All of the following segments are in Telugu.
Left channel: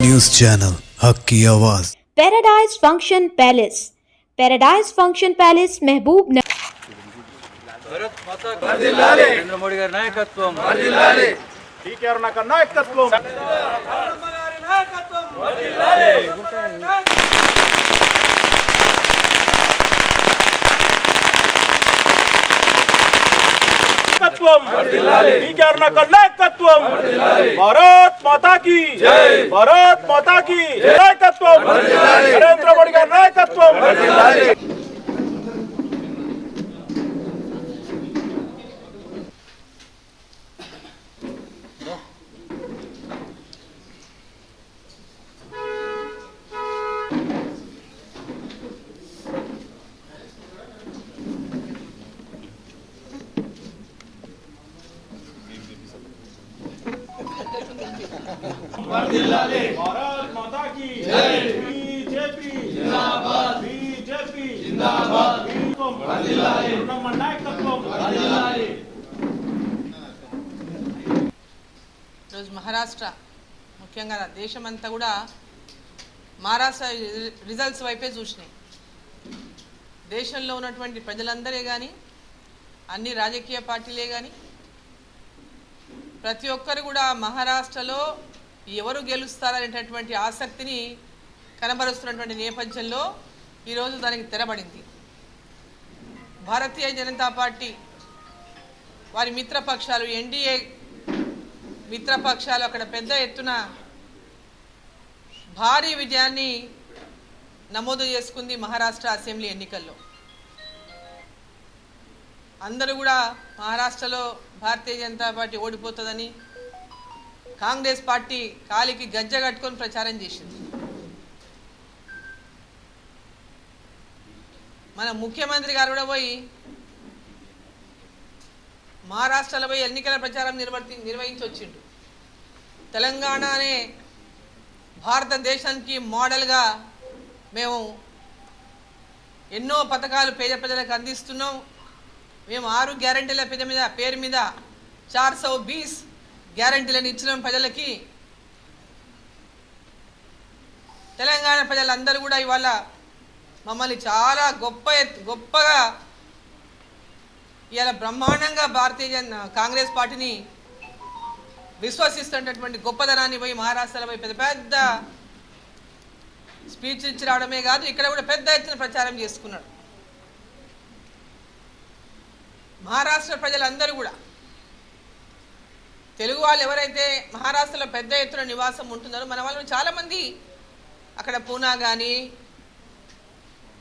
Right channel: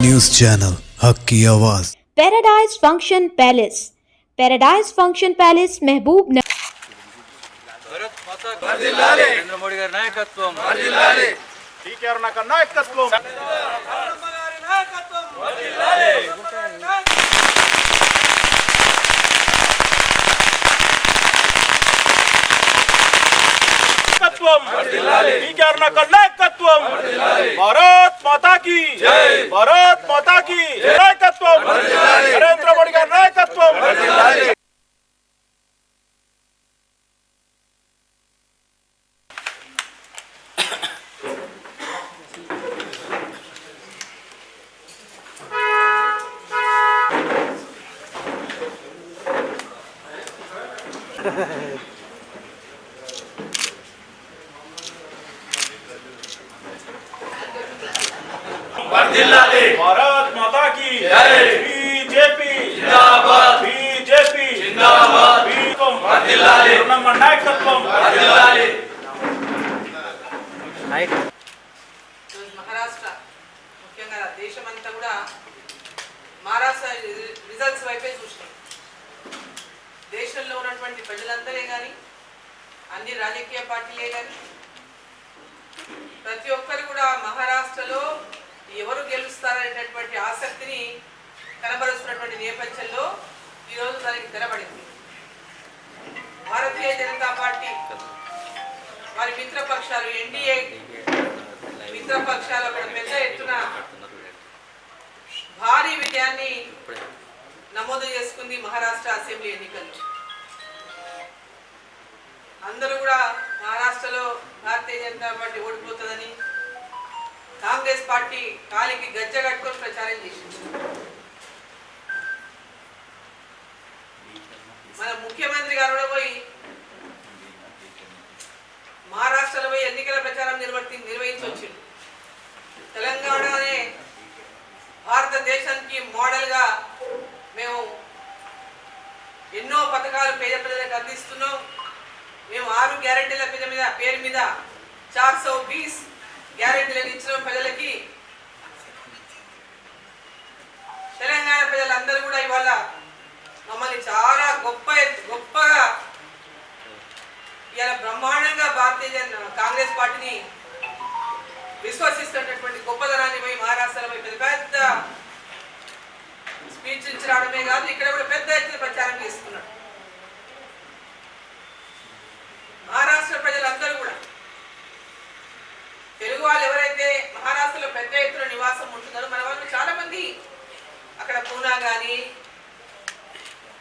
न्यूज चैनल हक की आवाज। Paradise function palace. Paradise function palace महबूब నరేంద్ర మోడీ గారి నాయకత్వం టీకేఆర్ నాయకత్వం టీకేఆర్ నాయకత్వం భారత్ మాతా కీ భారత్ మాతా కీ నాయకత్వం నరేంద్ర మోడీ గారి నాయకత్వం भारत माता की बीजेपी जिंदाबाद बीजेपी जिंदाबाद नायकत्వం మహారాష్ట్ర ముఖ్యంగా దేశమంతా కూడా మహారాష్ట్ర రిజల్ట్స్ వైపే చూసినాయి. దేశంలో ఉన్నటువంటి ప్రజలందరే కానీ అన్ని రాజకీయ పార్టీలే కానీ ప్రతి ఒక్కరు కూడా మహారాష్ట్రలో ఎవరు గెలుస్తారనేటటువంటి ఆసక్తిని కనబరుస్తున్నటువంటి నేపథ్యంలో ఈరోజు దానికి తెరబడింది. భారతీయ జనతా పార్టీ వారి మిత్రపక్షాలు ఎన్డీఏ మిత్రపక్షాలు అక్కడ పెద్ద ఎత్తున భారీ విజయాన్ని నమోదు చేసుకుంది మహారాష్ట్ర అసెంబ్లీ ఎన్నికల్లో. అందరూ కూడా మహారాష్ట్రలో భారతీయ జనతా పార్టీ ఓడిపోతుందని కాంగ్రెస్ పార్టీ కాలికి గజ్జ కట్టుకొని ప్రచారం చేసింది. మన ముఖ్యమంత్రి గారు కూడా పోయి మహారాష్ట్రలో పోయి ఎన్నికల ప్రచారం నిర్వహించి వచ్చిండు. తెలంగాణనే భారతదేశానికి మోడల్గా మేము ఎన్నో పథకాలు పేద ప్రజలకు అందిస్తున్నాం. మేము 6 గ్యారెంటీల పేరు మీద 420 గ్యారెంటీలను ఇచ్చిన ప్రజలకి. తెలంగాణ ప్రజలందరూ కూడా ఇవాళ మమ్మల్ని చాలా గొప్పగా ఇవాళ బ్రహ్మాండంగా కాంగ్రెస్ పార్టీని విశ్వసిస్తున్నటువంటి గొప్పదనాన్ని పోయి మహారాష్ట్రలో పోయి పెద్ద స్పీచ్ ఇచ్చి రావడమే కాదు, ఇక్కడ కూడా పెద్ద ఎత్తున ప్రచారం చేసుకున్నాడు. మహారాష్ట్ర ప్రజలందరూ కూడా తెలుగు వాళ్ళు ఎవరైతే మహారాష్ట్రలో పెద్ద ఎత్తున నివాసం ఉంటున్నారో మన వాళ్ళు చాలా మంది అక్కడ పూనా కానీ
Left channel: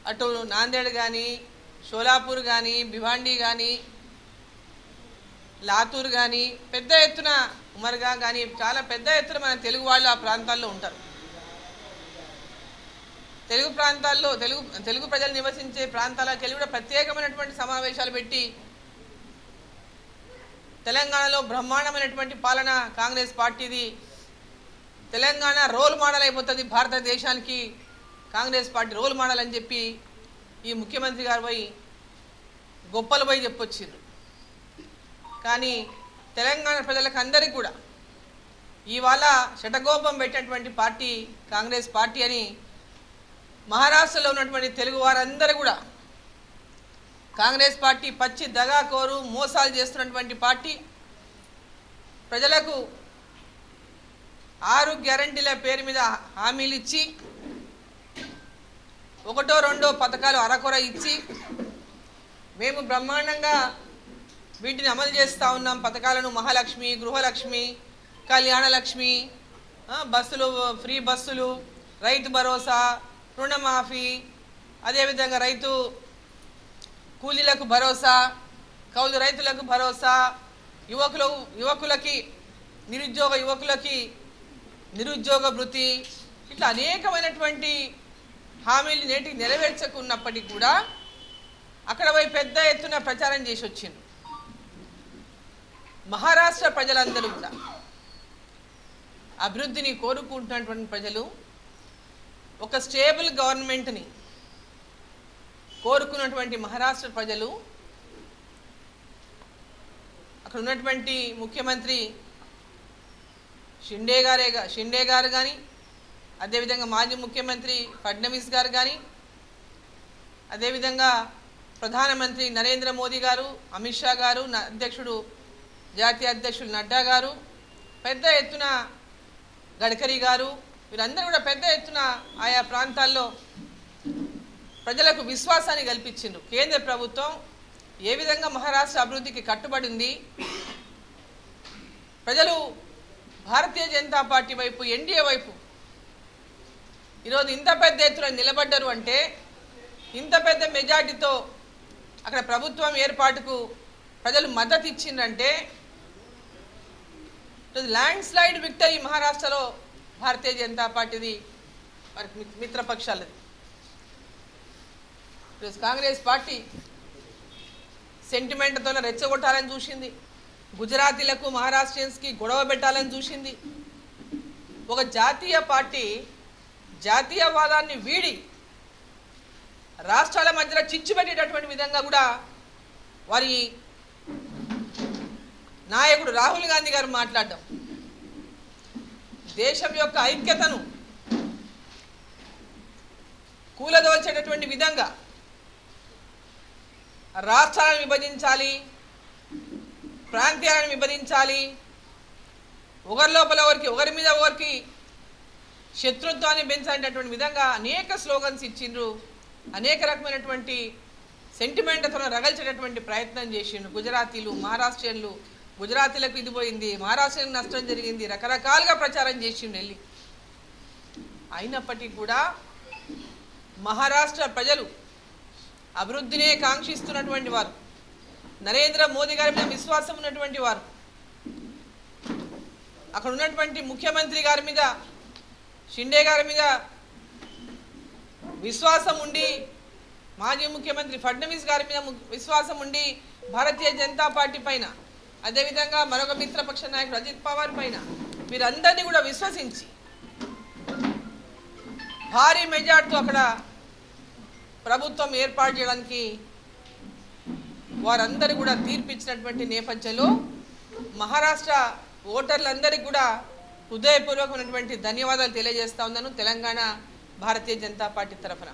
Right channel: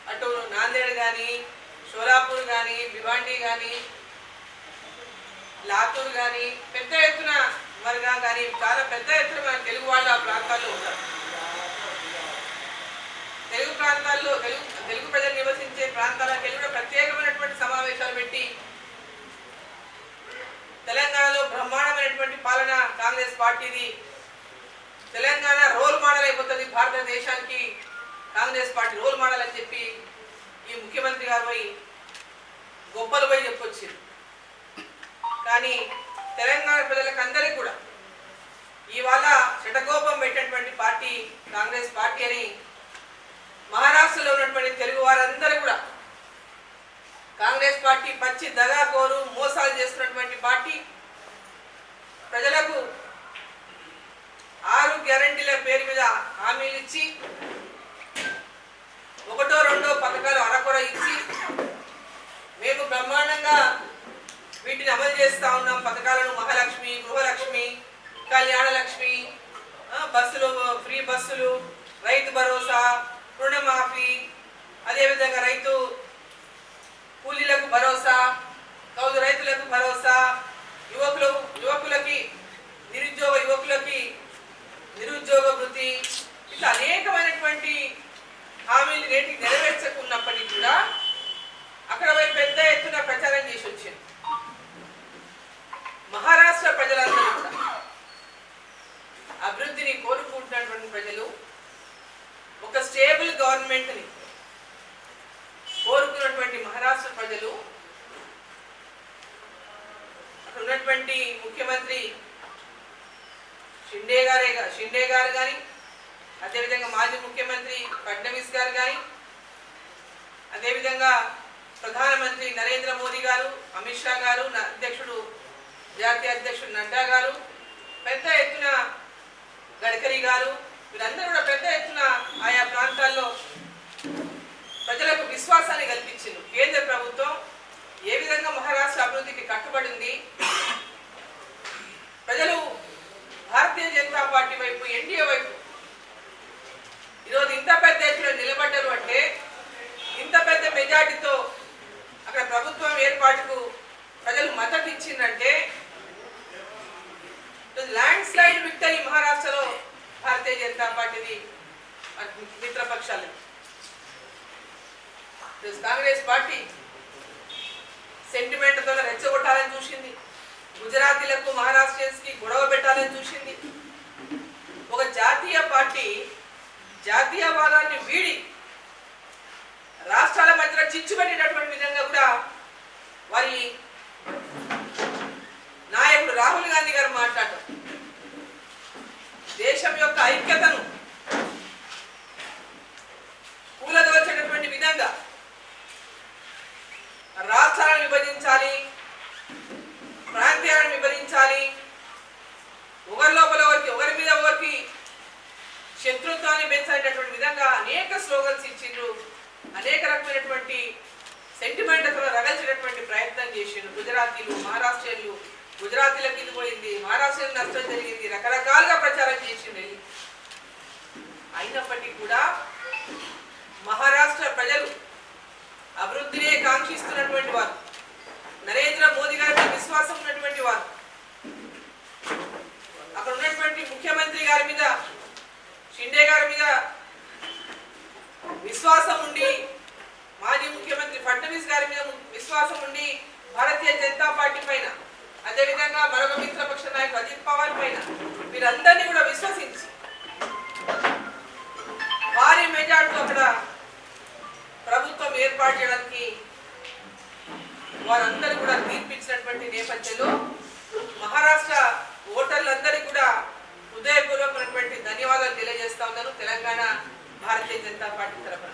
అటు నాందేడ్ కానీ షోలాపూర్ కానీ భివాండి కానీ లాతూర్ కానీ పెద్ద ఎత్తున ఉమర్గా కానీ చాలా పెద్ద ఎత్తున మన తెలుగు వాళ్ళు ఆ ప్రాంతాల్లో ఉంటారు. తెలుగు ప్రాంతాల్లో తెలుగు ప్రజలు నివసించే ప్రాంతాలకు వెళ్ళి కూడా ప్రత్యేకమైనటువంటి సమావేశాలు పెట్టి తెలంగాణలో బ్రహ్మాండమైనటువంటి పాలన కాంగ్రెస్ పార్టీది, తెలంగాణ రోల్ మోడల్ అయిపోతుంది భారతదేశానికి, కాంగ్రెస్ పార్టీ రోల్ మోడల్ అని చెప్పి ఈ ముఖ్యమంత్రి గారు పోయి గొప్పలు పోయి చెప్పొచ్చారు. కానీ తెలంగాణ ప్రజలకు అందరికీ కూడా ఇవాళ శటకోపం పెట్టేటువంటి పార్టీ కాంగ్రెస్ పార్టీ అని మహారాష్ట్రలో ఉన్నటువంటి తెలుగు వారందరూ కూడా కాంగ్రెస్ పార్టీ పచ్చి దగాకోరు మోసాలు చేస్తున్నటువంటి పార్టీ, ప్రజలకు 6 గ్యారెంటీల పేరు మీద హామీలు ఇచ్చి 1-2 పథకాలు అరకొర ఇచ్చి మేము బ్రహ్మాండంగా వీటిని అమలు చేస్తూ ఉన్నాం. పథకాలను మహాలక్ష్మి, గృహలక్ష్మి, కళ్యాణలక్ష్మి, బస్సులు ఫ్రీ బస్సులు, రైతు భరోసా, రుణమాఫీ, అదేవిధంగా రైతు కూలీలకు భరోసా, కౌలు రైతులకు భరోసా, యువకులకి యువకులకి నిరుద్యోగ వృత్తి, ఇట్లా అనేకమైనటువంటి హామీలు నేటికి నెరవేర్చకున్నప్పటికీ కూడా అక్కడ పోయి పెద్ద ఎత్తున ప్రచారం చేసి వచ్చింది. మహారాష్ట్ర ప్రజలందరూ కూడా అభివృద్ధిని కోరుకుంటున్నటువంటి ప్రజలు, ఒక స్టేబుల్ గవర్నమెంట్ని కోరుకున్నటువంటి మహారాష్ట్ర ప్రజలు అక్కడ ఉన్నటువంటి ముఖ్యమంత్రి షిండే గారు కానీ అదేవిధంగా మాజీ ముఖ్యమంత్రి ఫడ్నవీస్ గారు కానీ, అదేవిధంగా ప్రధానమంత్రి నరేంద్ర మోదీ గారు, అమిత్ షా గారు, జాతీయ అధ్యక్షుడు నడ్డా గారు, పెద్ద ఎత్తున గడ్కరీ గారు, వీళ్ళందరూ కూడా పెద్ద ఎత్తున ఆయా ప్రాంతాల్లో ప్రజలకు విశ్వాసాన్ని కల్పించింది. కేంద్ర ప్రభుత్వం ఏ విధంగా మహారాష్ట్ర అభివృద్ధికి కట్టుబడింది, ప్రజలు భారతీయ జనతా పార్టీ వైపు, ఎన్డీఏ వైపు ఈరోజు ఇంత పెద్ద ఎత్తున నిలబడ్డారు అంటే, ఇంత పెద్ద మెజార్టీతో అక్కడ ప్రభుత్వం ఏర్పాటుకు ప్రజలు మద్దతు ఇచ్చిందంటే, ల్యాండ్ స్లైడ్ విక్టరీ మహారాష్ట్రలో భారతీయ జనతా పార్టీది, మిత్రపక్షాలు. కాంగ్రెస్ పార్టీ సెంటిమెంట్తో రెచ్చగొట్టాలని చూసింది, గుజరాతీలకు మహారాష్ట్రియన్స్కి గొడవ పెట్టాలని చూసింది. ఒక జాతీయ పార్టీ జాతీయవాదాన్ని వీడి రాష్ట్రాల మధ్యలో చిచ్చు పెట్టేటటువంటి విధంగా కూడా వారి నాయకుడు రాహుల్ గాంధీ గారు మాట్లాడటం, దేశం యొక్క ఐక్యతను కూలదోచేటటువంటి విధంగా రాష్ట్రాలను విభజించాలి, ప్రాంతాలను విభజించాలి, ఒకరి లోపల ఒకరి మీద ఒకరికి శత్రుత్వాన్ని పెంచేటటువంటి విధంగా అనేక స్లోగన్స్ ఇచ్చిండ్రు, అనేక రకమైనటువంటి సెంటిమెంట్తో రగల్చేటటువంటి ప్రయత్నం చేసిండ్రు. గుజరాతీలు, మహారాష్ట్రలు, గుజరాతీలకు ఇది పోయింది, మహారాష్ట్రకు నష్టం జరిగింది, రకరకాలుగా ప్రచారం చేసిండు వెళ్ళి. అయినప్పటికీ కూడా మహారాష్ట్ర ప్రజలు అభివృద్ధినే కాంక్షిస్తున్నటువంటి వారు, నరేంద్ర మోదీ గారి విశ్వాసం ఉన్నటువంటి వారు, అక్కడ ఉన్నటువంటి ముఖ్యమంత్రి గారి మీద, షిండే గారి మీద విశ్వాసం ఉండి, మాజీ ముఖ్యమంత్రి ఫడ్నవీస్ గారి మీద విశ్వాసం ఉండి, భారతీయ జనతా పార్టీ పైన, అదేవిధంగా మరొక మిత్రపక్ష నాయకుడు అజిత్ పవార్ పైన వీరందరినీ కూడా విశ్వసించి భారీ మెజార్టీతో అక్కడ ప్రభుత్వం ఏర్పాటు చేయడానికి వారందరూ కూడా తీర్పిచ్చినటువంటి నేపథ్యంలో మహారాష్ట్ర ఓటర్లందరికీ కూడా హృదయపూర్వకమైనటువంటి ధన్యవాదాలు తెలియజేస్తా ఉన్నాను తెలంగాణ భారతీయ జనతా పార్టీ తరఫున.